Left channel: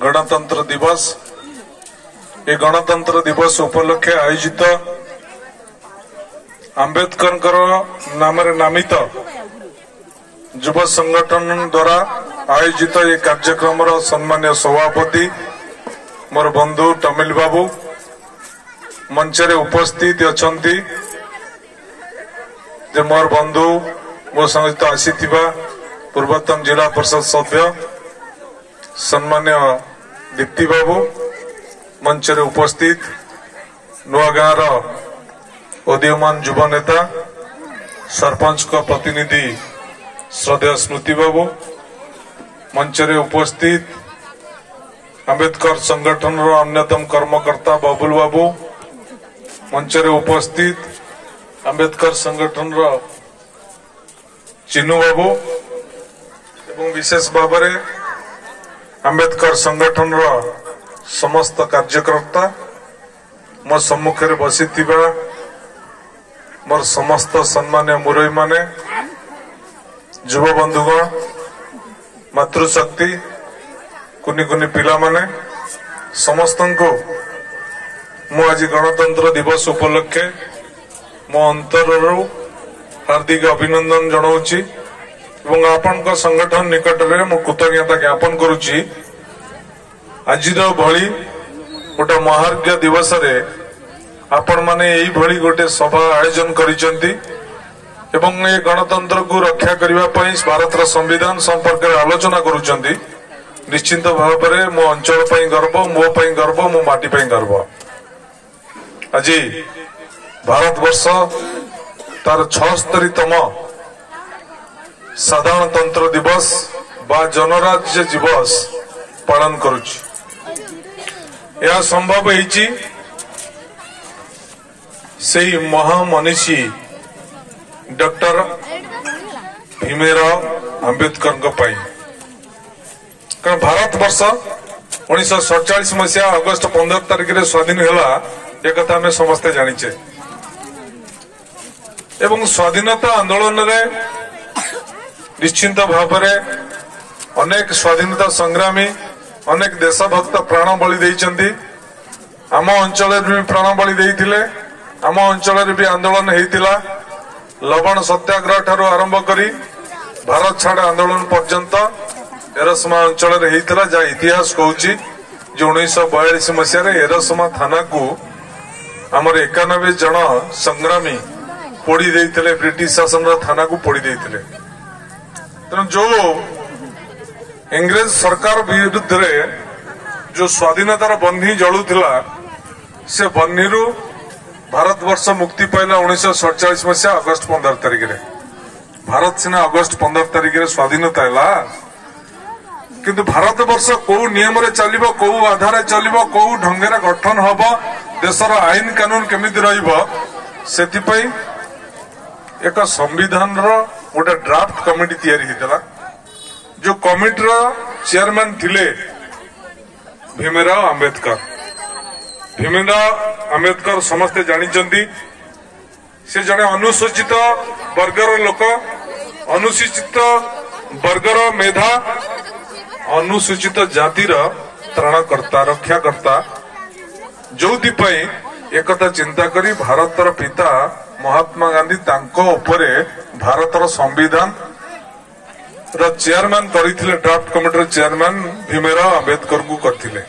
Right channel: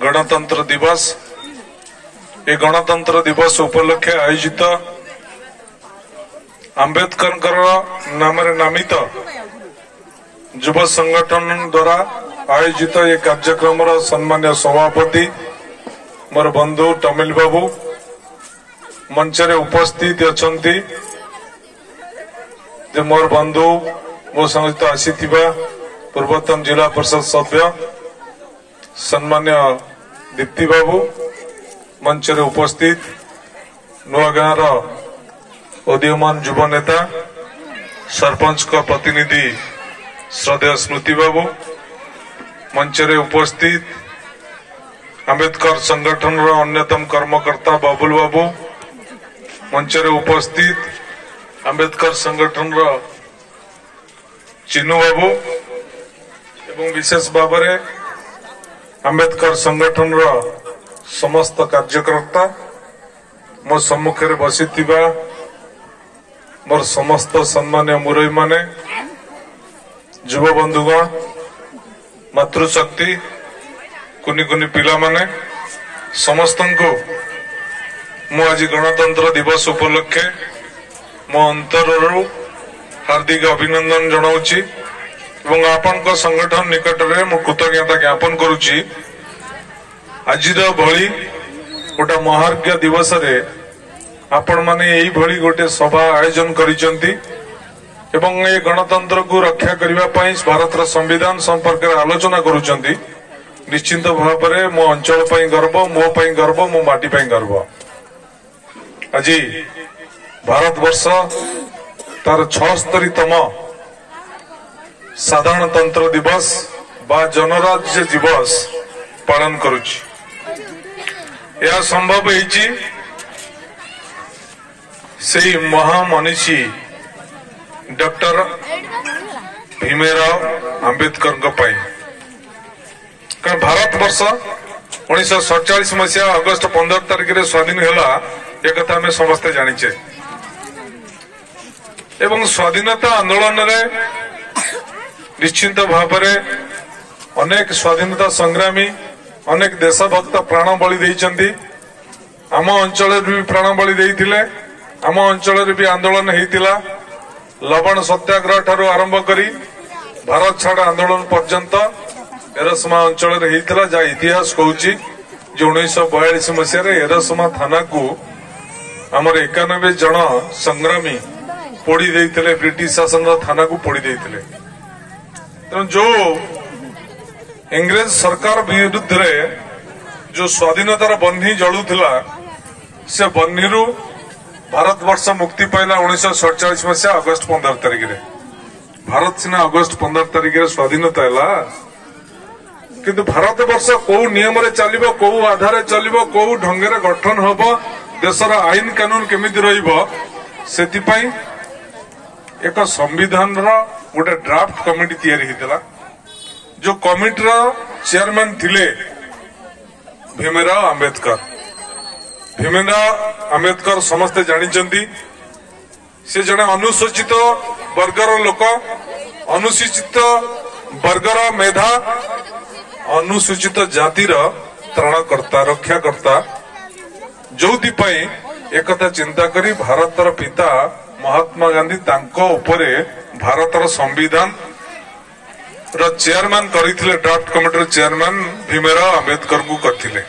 गणतंत्र दिवस ये गणतंत्र दिवस उपलक्षे आयोजित आंबेडकर नाम नामित युव संगठन द्वारा आयोजित ये कार्यक्रम सम्मान्य सभापति मोर बंधु तमिल बाबू मंचरे उपस्थित अछंती मोर बंधु मो सहित आसी पूर्वतन जिला परिषद सभ्य सम्मान्य दीप्ति बाबू मंचरे उपस्थित नुआगाँर उदीयमान युवा नेता सरपंच का प्रतिनिधि श्रद्धेय स्मृति बाबू मंचरे उपस्थित आंबेडकर संगठन अन्यतम कर्मकर्ता बबुल बाबू मंचरे उपस्थित आंबेडकर संगठन चिन्नू बाबू एवं विशेष भाव में आंबेडकर संगठन समस्त कार्यकर्ता मो सम्मुख में बसी मोर समस्त सम्मान्य मुरई माने युव बंधुगण मातृशक्ति कुनी कुनी पिला माने समस्त को मु आज गणतंत्र दिवस उपलक्षे मो अंतर हार्दिक अभिनंदन जनाऊँची एवं आपण संगठन निकट में मु कृतज्ञता ज्ञापन करुच्ची आज भली गोटे महार्घ्य दिवस रे आपण माने यही भली गोटे सभा आयोजन करिसेंती एवं ये गणतंत्र को रक्षा करने भारत संविधान संपर्क में आलोचना करुचंती निश्चिंत भाव में मो अंचल गर्व मो गर्व मो माटी गर्व आज भारत वर्ष तार 76तम साधारणतंत्र दिवस बा जनराज्य दिवस पालन करुच्ची यह संभव है से महामनीषी डॉक्टर भीमराव आंबेडकर कारण भारत वर्ष 1947 मसीहा अगस्ट 15 तारिख में स्वाधीन है एक कथा आम समस्ते जानीचे एवं स्वाधीनता आंदोलन रे निश्चिंत भाव में अनेक स्वाधीनता संग्रामी अनेक देशभक्त प्राण बलि देइचंती आम अंचल भी प्राण बलि देइथिले आम अंचल भी आंदोलन होता लवण सत्याग्रह ठारू आरंभ करी भारत छाड़ आंदोलन पर्यंत एरसमा अंचल होता जहाँ इतिहास कहूँ जो 1942 मसीह एरसमा थाना को आमर 91 जन संग्रामी पोड़ी देइथिले ब्रिटिश शासन थाना को पोड़ी देइथिले तेणु जो इंग्रेज सरकार विरुद्ध रे जो स्वाधीनतार बन्ही जलुला से बन्ही भारत वर्ष मुक्ति पाइला 1947 मसीहा अगस्ट 15 तारिख में भारत सीना अगस्ट 15 तारिख में स्वाधीनता है किंतु भारत वर्ष कौ नियम रे चलिबो कौ आधार चलिबो कौ ढंगे गठन हम देशर आईन कानून केमिति रहिबो सेतिपई एक संविधान गोटे ड्राफ्ट कमिटी तैयारी होता जो कमिटी चेयरमैन थिले भीमराव आंबेडकर समस्ते जानिचंती से जने अनुसूचित वर्गर लोक अनुसूचित वर्गर मेधा अनुसूचित जातिर त्राणकर्ता रक्षाकर्ता जोथिपाई एकता चिंता करी भारतर पिता महात्मा गांधी तांको उपरे भारतर संविधान चेयरमैन करथिले draft committee chairman Bhimrao Ambedkar को करथिले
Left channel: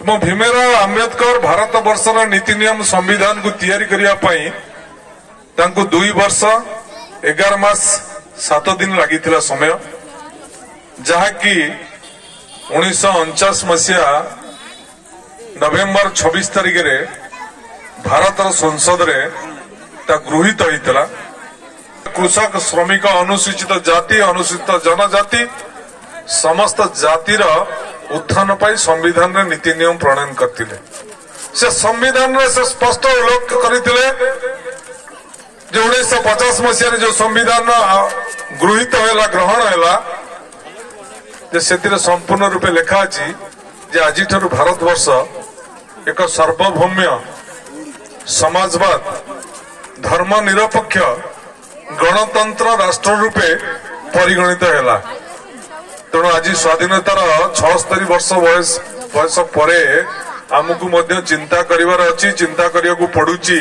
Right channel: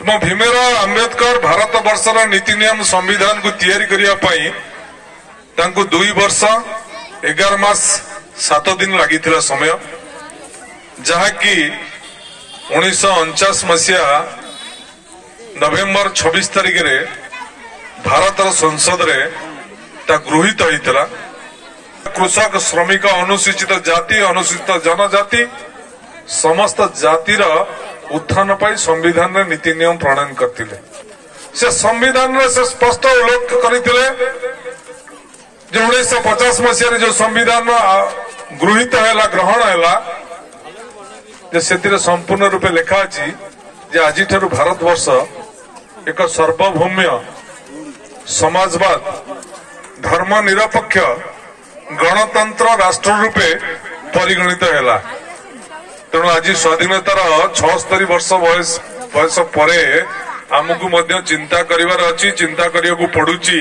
भीमराव आंबेडकर भारत वर्षर नीति नियम संविधान को तैयारी करिया पई तांको 2 वर्ष 11 मास 7 दिन लागिथिला समय जहाँकि 1949 मसीहा नवेम्बर 26 तारिख रे भारतर संसद रे ता गृहीत होइतला कृषक श्रमिक अनुसूचित जाति अनुसूचित जनजाति समस्त जातिर उत्थान पाई संविधान रे नीति नियम प्रणयन करथिले से संविधान रे से स्पष्ट उल्लेख करथिले जो 1950 मसीह जो संविधान गृहीत हैला ग्रहण हैला जे सेतिरे संपूर्ण रूपे लिखा अछि जे आजि ठारू भारत वर्ष एक सार्वभौम्य समाजवाद धर्मनिरपेक्ष गणतंत्र राष्ट्र रूपे परिगणित हैला तेणु आज स्वाधीनतार 76 वर्ष बयस पर आमको चिंता करिवार अछि, चिंता करिया पड़ुची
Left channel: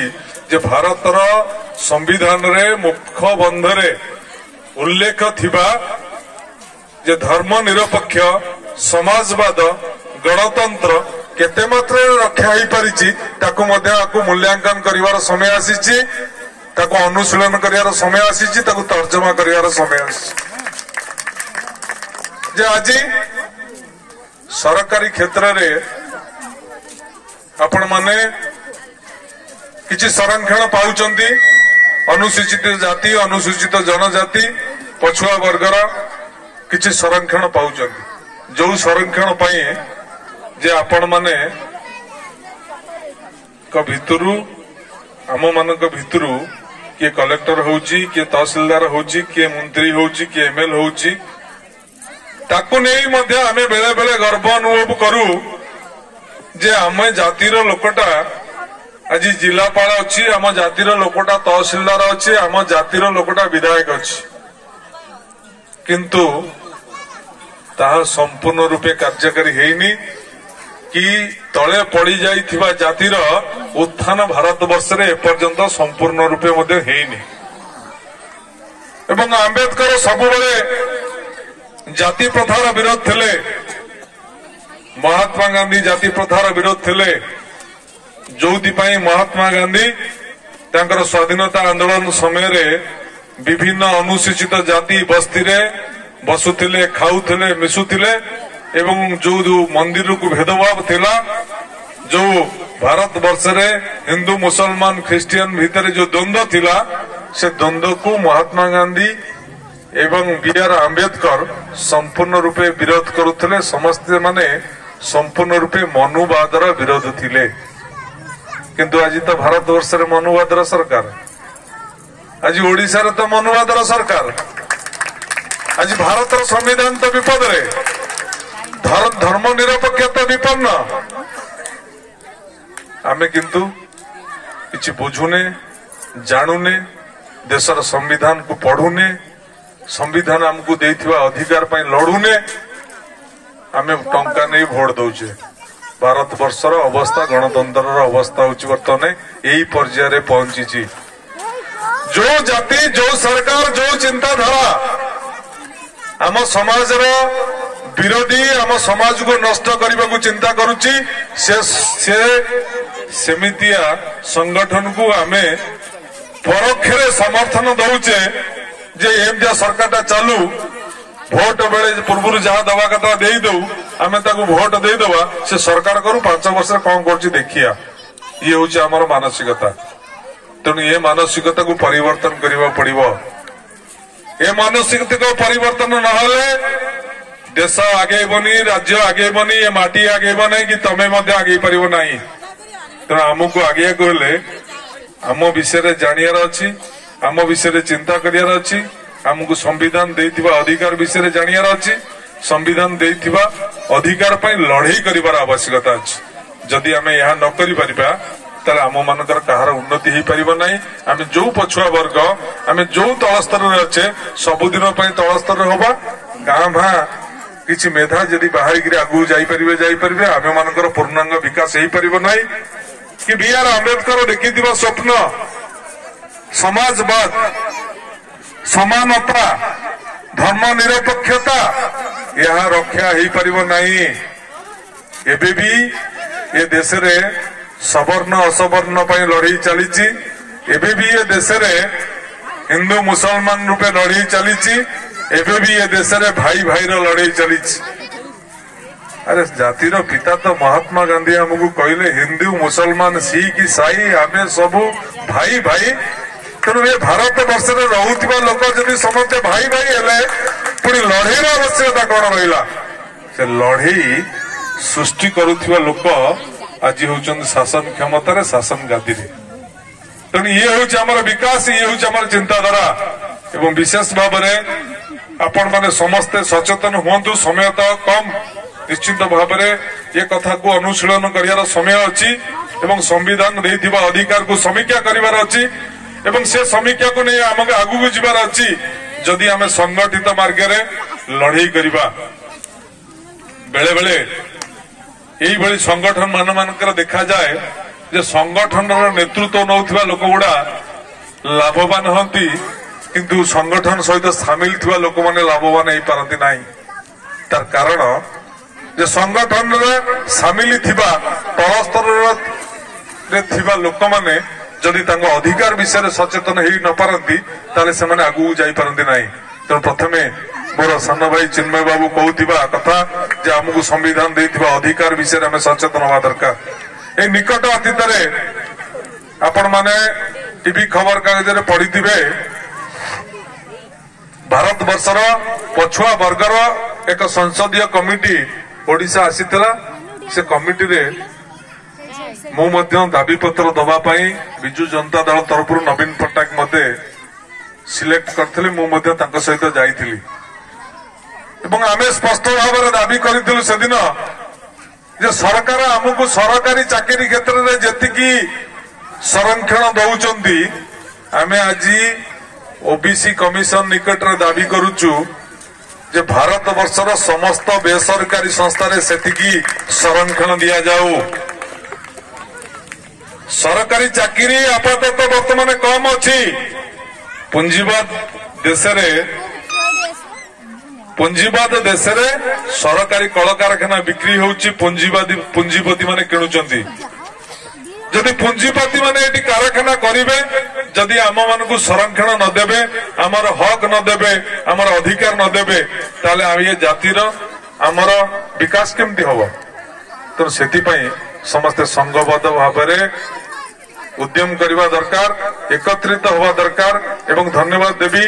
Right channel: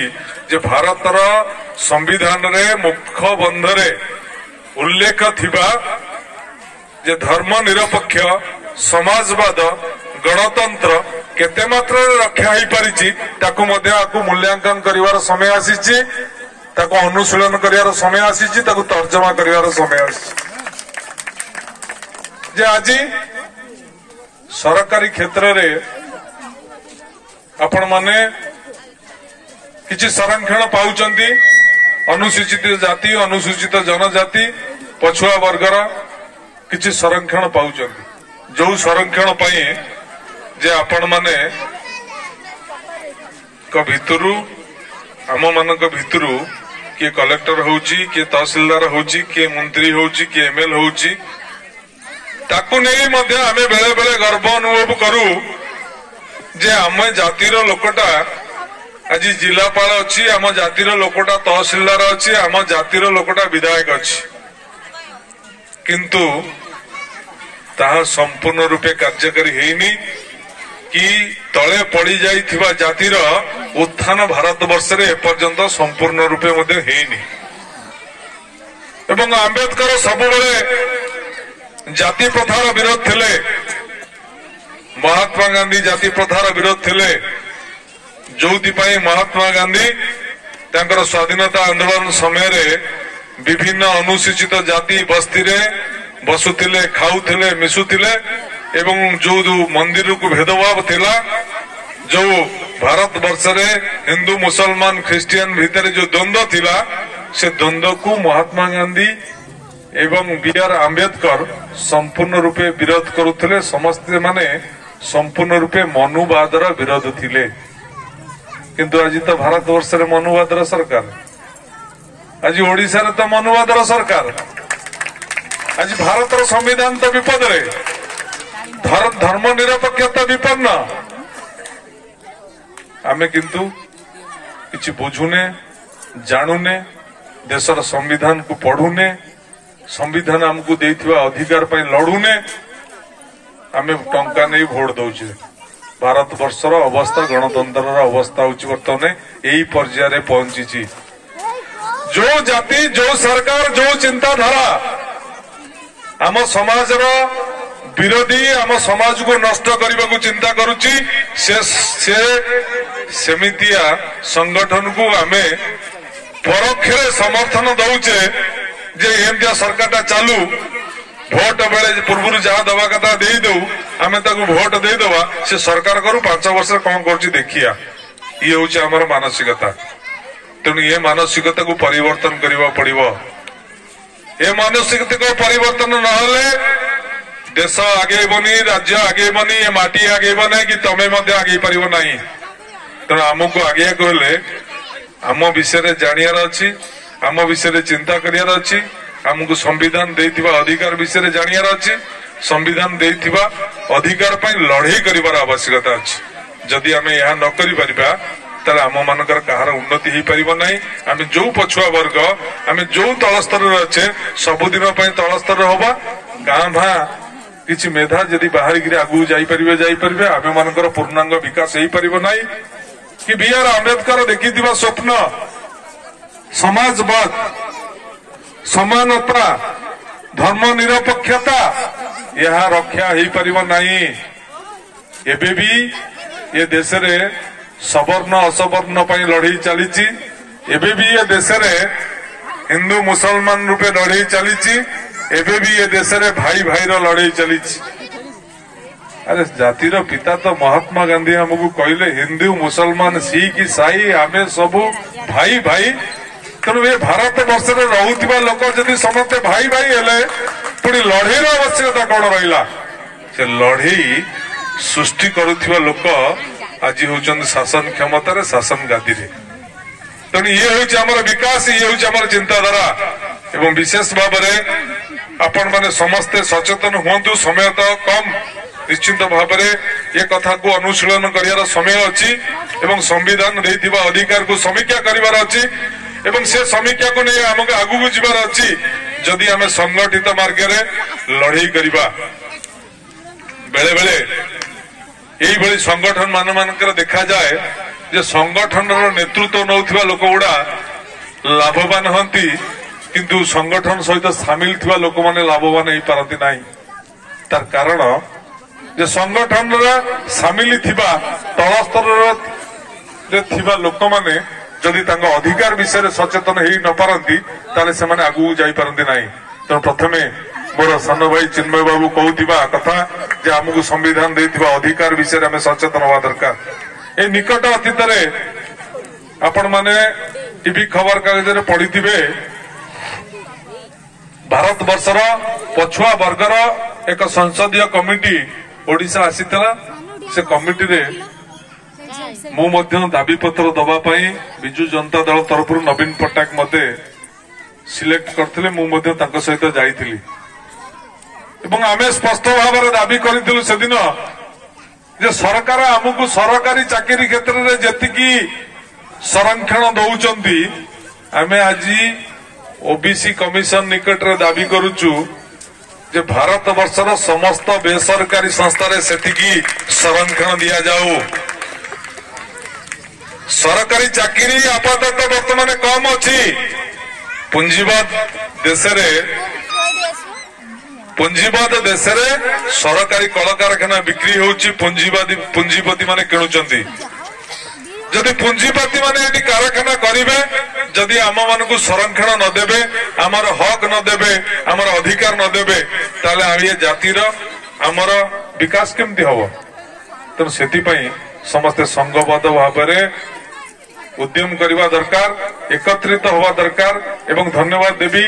जे भारतर संविधान रे मुख्य बंधरे उल्लेख थिबा जे धर्म निरपेक्ष समाजवाद गणतंत्र केते मात्रा रक्षा हो पारिछि ताकू मूल्यांकन करिवार समय आसीछि, ताकू अनुशीलन करिवार समय आसीछि, ताकू तर्जमा करिवार समय आसीछि। जे आज सरकारी क्षेत्र रे आपण माने किछि संरक्षण पाउचंती, अनुसूचित जाति अनुसूचित जनजाति पछुआ वर्गर किछि संरक्षण पाउचंती, जो संरक्षण पाई जे आपण माने को भितरु आम मानक भितरु किए कलेक्टर होउची, किए तहसीलदार होउची, किए मंत्री होउची, किए एमएल होउची, ताकू नहीं मध्य आमे बेले बेले गर्व अनुभव करू जे आम जातिर लोकटा आज जिलापाल अच्छी, आम जातिर लोकटा तहसीलदार अच्छी, आम जातिर लोकटा विधायक अच्छी, किंतु ताहा संपूर्ण रूपे कार्यकारी हेनी कि तले पड़ी जाइथिबा जातिर उत्थान भारत वर्ष रे एपर्यंत संपूर्ण रूपे मध्य हेनी। एवं आंबेडकर सबुबले जाति प्रथार विरोध थिले, महात्मा गांधी जाति प्रथार विरोध थिले, जोथिपाई महात्मा गांधी तांकर स्वाधीनता आंदोलन समय रे विभिन्न अनुसूचित जाति बस्ती रे बसुथिले, खाउथिले, मिसुथिले एवं जो मंदिर को भेदभाव थिला, जो भारत वर्ष रे हिंदू मुसलमान ख्रिस्टियन भितर जो द्वंद्व थिला, से द्वंद्व को महात्मा गांधी एवं बी.आर. आंबेडकर संपूर्ण रूपे विरोध करुथिले। समस्त माने संपूर्ण रूपे मनुवादर विरोध थिले, किंतु आज तो भारत वर्ष रे मनुवादर सरकार, आज ओडिशा रे तो मनुवादर सरकार, आज भारतर संविधान तो विपद रे, धर्म निरपेक्षता विपन्न। आमे किंतु किछि बुझुने, जानुने, देशर संविधान को पढ़ुने, संविधान आमको देइथिबा अधिकार पई लड़ुने, आमे टंका नहीं भोट दउछे। भारत वर्षर अवस्था, गणतंत्र अवस्था होछि वर्तमान एई पर्याय रे पहुंची। जो जाति, जो सरकार, जो चिंताधारा आम समाजर विरोधी, आम समाज को नष्ट करने को चिंता करुच्ची, सेमितिया संगठन को आमे परोक्षरे समर्थन दउचे जे एमतिया सरकारटा चालू, भोट बेले पूर्व जहाँ दवा कथा दे दऊ, आमे ताकू भोट दे दवा, से सरकार करू 5 वर्ष कौन कर देखिया। ये हूँ आमर मानसिकता। तेणु ये मानसिकता को परिवर्तन करने पड़िबो। ए मानसिकता को परिवर्तन नहले देश आगेबनी, राज्य आगेबनी, ये माटी आगेब ना कि तमें आगे पार ना। तेणु आमको आगे कहले आम विषय जानियार अच्छी, आम विषय चिंता करियार अच्छी, आमको संविधान देइथिबा अधिकार विषय जानियार अच्छी, संविधान देइथिबा अधिकार पई लड़ाई करिवार आवश्यकता अच्छी। जदि आमे यह न करि परिबा ताले आम मानकर कहार उन्नति हो पारिबो नाही। आमे जो पछुआ वर्ग, आमे जो तल स्तर रे अच्छे, सबुदिन पई तल स्तर होबा। गाँ भा किछि मेधा जदि बाहरी गिरे आगु जाई परिबे, आमे मानकर पूर्णांग विकास हो पारिबो नाही। कि बी.आर. आंबेडकर देखिथिबा स्वप्न समाजवाद, समानता, धर्म निरपेक्षता, यह रक्षा हो पारिबो नाही। एबे भी ये देश रे सवर्ण असवर्ण पई लड़ाई चलीची। एबे भी ये देश रे हिंदू मुसलमान रूपे लड़ाई चलीची। एबे भी ये देश रे भाई भाई रो लड़ाई चलीची। अरे जातिर पिता तो महात्मा गांधी हमको कहले हिंदू मुसलमान सिख ईसाई आमे सबू भाई भाई। तेणु ये भारत वर्ष रे रहुथिबा लोक जदि समस्ते भाई भाई हेले पुणी लड़ाई आवश्यकता कौन रहिला? से लड़ाई सृष्टि करुथिबा लोक आज होउछन शासन क्षमतार, शासन गादी रे। तेणु ये हूँ आमर विकास, ये हूँ आमर चिंताधारा। एवं विशेष भाव में आपण माने समस्ते सचेतन हुंतु। समय तो कम, निश्चित भाव में ये कथा को अनुशीलन करियार समय अच्छी एवं संविधान देइथिबा अधिकार को समीक्षा करिवार अच्छी एवं से समीक्षा को नहीं आमके आगु को जीवार अच्छी। जदि आमे संगठित मार्ग रे लड़ाई करिबा बेले बेले यही संगठन मानकर देखा जाए जे संगठन नेतृत्व नौथिबा लोक गुड़ा लाभवान हंती किंतु संगठन सहित सामिल थिबा लोक माने लाभवान हो पारती नहीं। तार कारण जे संगठन सामिल थिबा तल स्तर रे थिबा लोक माने जदि तांको अधिकार विषय सचेतन हो न पारती ताले से माने आगु जाई पारती नहीं। तेणु प्रथमे मोर सान भाई चिन्मय बाबू कहूथिबा कथा जे आमको संविधान देथिबा अधिकार विषय आम सचेतन हवा दरकार। ए निकट अतीत आपण माने टीवी खबर कागज रे पढ़िथिबे भारत वर्षर पछुआ वर्गर एक संसदीय कमिटी ओडिशा आसीथिला। से कमिटी रे मु मध्य दाबी पत्र दबा पई बिजु जनता दल तरफ नवीन पट्टनायक मते सिलेक्ट करथिले। मु मध्य तांको सहित जाईथिली एवं आमे स्पष्ट भाव में दाबी करिथिलु से दिन जे सरकार आमको सरकारी चाकरी क्षेत्र में जेतिकी संरक्षण दउचंती आमे आज ओबीसी कमिशन निकट रे दाबी करूचु जे भारत वर्षर समस्त बेसरकारी संस्था रे सेतिकी संरक्षण दिया जाऊ। सरकारी चाकरी आपातत वर्तमान कम अछि। पुंजीवाद देश रे सरकारी कल कारखाना बिक्री होउची पुंजीपति माने किणुचंती। जदि पुंजीपति माने एटी कारखाना करिवे जदि आम मानकु संरक्षण न देबे आमर हक न देबे आमर अधिकार न देबे ताले आ जातिर आमर विकास केमती हबो। तो सेति पई समस्त संघबद्ध भाव में उद्यम करने दरकार एकत्रित हवा दरकार। एवं धन्यवाद देवी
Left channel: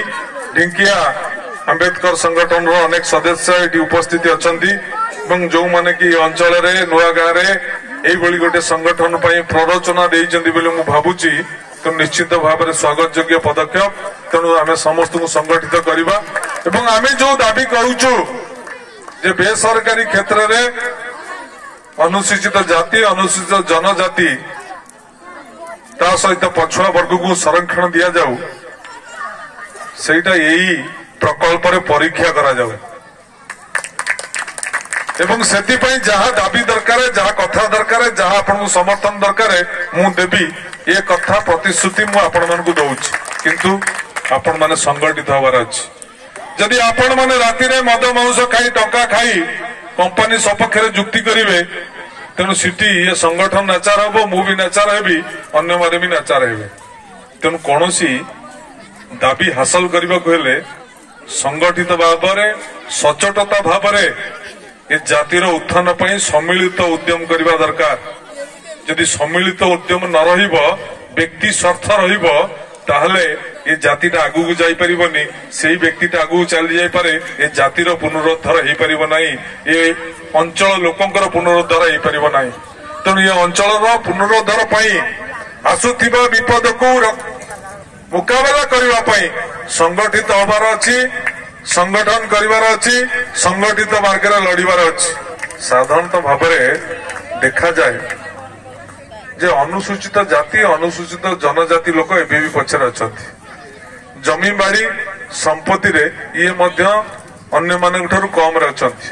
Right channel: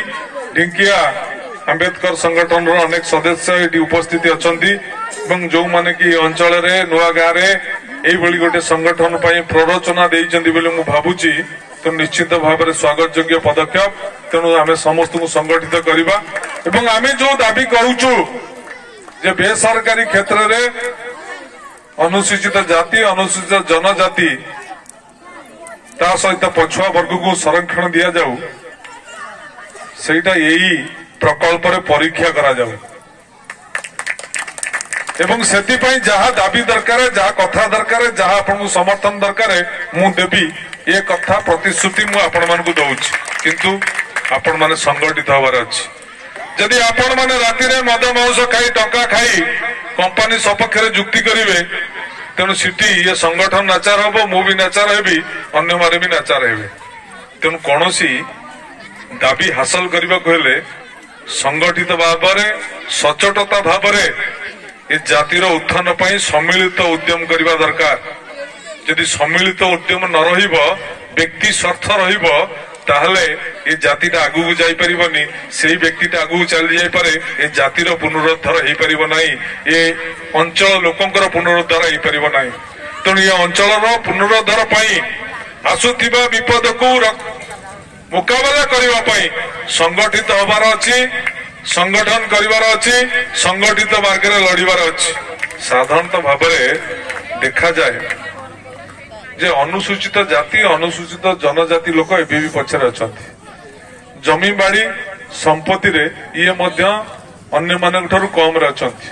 ढिंकिया अंबेडकर संगठन अनेक सदस्य ये उपस्थित अच्छा जो माने कि अंचल नुआ गाँव में गोटे संगठन प्ररोचना देइचंदी बोली मु भाबुची। तो निश्चित भाव में स्वागत योग्य पदक्षेप। तेणु आम समस्त को संगठित करवा एवं आम जो दाबी करूचु जे बेसरकारी क्षेत्र में अनुसूचित जाति अनुसूचित जनजाति ता सहित पछुआ वर्ग को संरक्षण दिया जाऊ सेटा यही प्रकल्प रे परीक्षा करा जाऊ एवं सेति पई जहा दाबी दरकार जहा कथा दरकार जहा आपन समर्थन दरकार मु देबी ये कथा प्रतिश्रुति मु आपण मन को दउछि। किंतु आपण माने संगठित हवार अछि। जदि आपण माने राति रे मद मांस खाई टंका खाई कंपनी सपक्ष रे जुक्ति करिवे तेणु सिटी ये संगठन नाचार हम मु भी नाचार हेबी अन्य मारे भी नाचार हेबे। तेणु कौन दाबी हासिल करने को हेले संगठित भाव में सचोटता भाव में ये जातिर उत्थान पर सम्मिलित उद्यम करने दरकार। यदि सम्मिलित उद्यम न रहिबो व्यक्ति स्वार्थ रहिबो ताहले ये जातिटा आगु को जाई परिबनी सेही व्यक्तिटा आगु चली जाई पारे ये जातिर पुनरुद्धार हो परिबो नाही ये अंचल लोकंकर पुनरुद्धार हो परिबो नाही। तेणु ये अंचल पुनरुद्धार पई आसुथिबा विपद को मुकाबला करबा पई संगठित होबार अछि संगठन करिवार अछि संगठित मार्ग रे लड़ीबार अछि। साधारणतः भाव में देखा जाए जे अनुसूचित जाति अनुसूचित जनजाति लोक एबे भी पछरे अछंती। जमी बाड़ी संपत्ति रे ये मध्य अन्य मानक ठारू कम रे अछंती।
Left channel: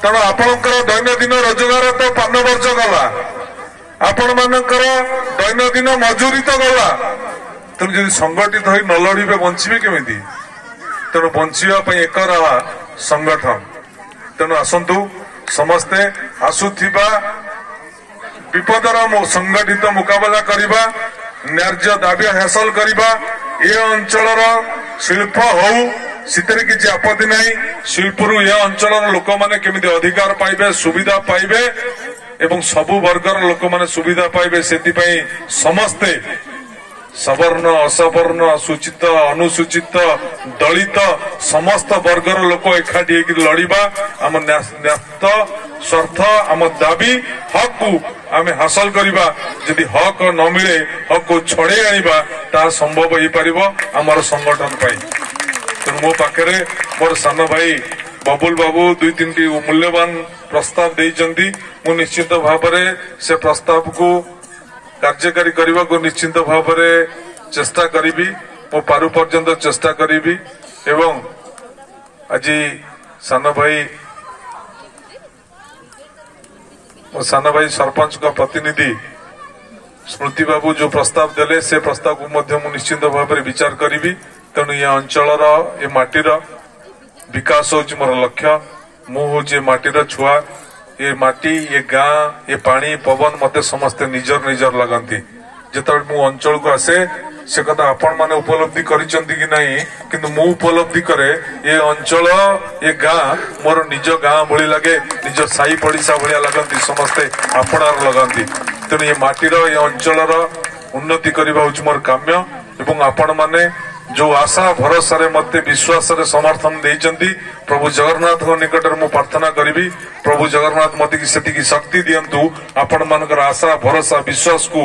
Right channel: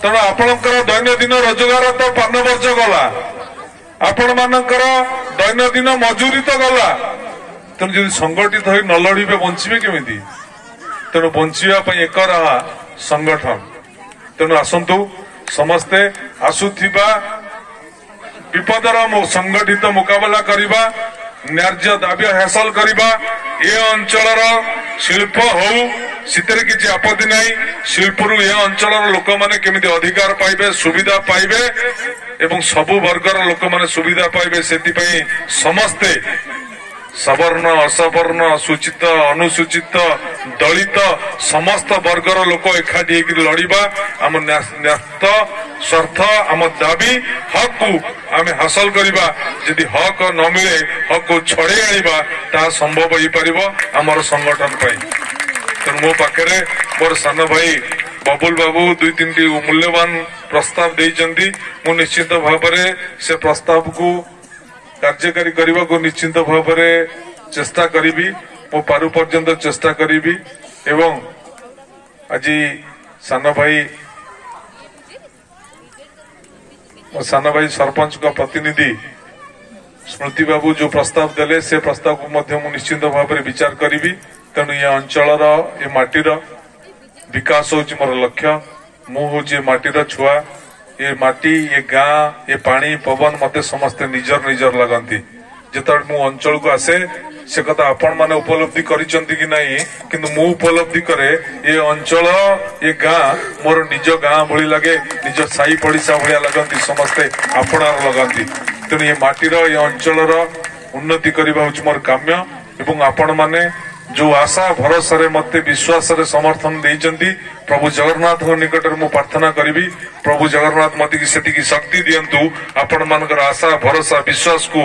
तेणु आपणकर दैनंदिन रोजगार तो पान वर्ज गला आपण मानकर दैनंदिन मजूरी तो गला। तेणु जदि संगठित हो न लड़े बंचे केमी तेणु बंचा एक रहा संगठन। तेणु आसतु समस्ते आसुथिबा विपदर संगठित मुकाबला करवा न्याय्य दाबी हासिल करवा ये अंचल शिल्प हो सितरे किसी आपत्ति नहीं। शिल्परू ये अंचल लोक माने केमिति अधिकार पाइबे सुविधा पाइबे एवं सबु वर्गर लोक माने सुविधा पाइबे सेतिपई समस्ते सवर्ण असवर्ण सूचित अनुसूचित दलित समस्त वर्गर लोक एकाठी होकर लड़िबा आम न्यास्त स्वार्थ आम दाबी हक को आम हासिल करवा। यदि हक न मिले हक को छड़े आनिबा ता संभव हो पार आमर संगठन पाई। तेणु मो पाखे मोर सान भाई बबुल बाबू दुई तीन मूल्यवान प्रस्ताव देइचंती। मु निश्चित भाव में से प्रस्ताव को कार्यकारी करने को निश्चित भाव में चेष्टा करी मो पारु पर्यंत चेष्टा करी एवं आज सान भाई मो सान भाई सरपंच का प्रतिनिधि स्मृति बाबू जो प्रस्ताव देले से प्रस्ताव को मध्य मु निश्चित भाव में विचार करी। तेणु ये अंचल ये माटीर विकास हूँ मोर लक्ष्य। मु हूँ माटीर छुआ। ये माटी ये गाँ ये पानी पवन मते समस्ते निजर निजर लगती। जिते मु अंचल को आसे से कथा आपण माने उपलब्धि करिसेंती कि नहीं, किंतु मु उपलब्धि करे ये अंचल ये गाँ मोर निज गाँ भली लगे, निज साई पड़िशा भलिया लगती, समस्ते आपणार लगती। तेणु ये माटीर ये अंचल उन्नति करबा होच मोर काम्य। एवं आपण माने जो आशा भरोसा रे मते विश्वास रे समर्थन देइचंती प्रभु जगन्नाथ निकट में प्रार्थना करी। प्रभु जगन्नाथ मते की शक्ति दियंतु आपण मानकर आशा भरोसा विश्वास को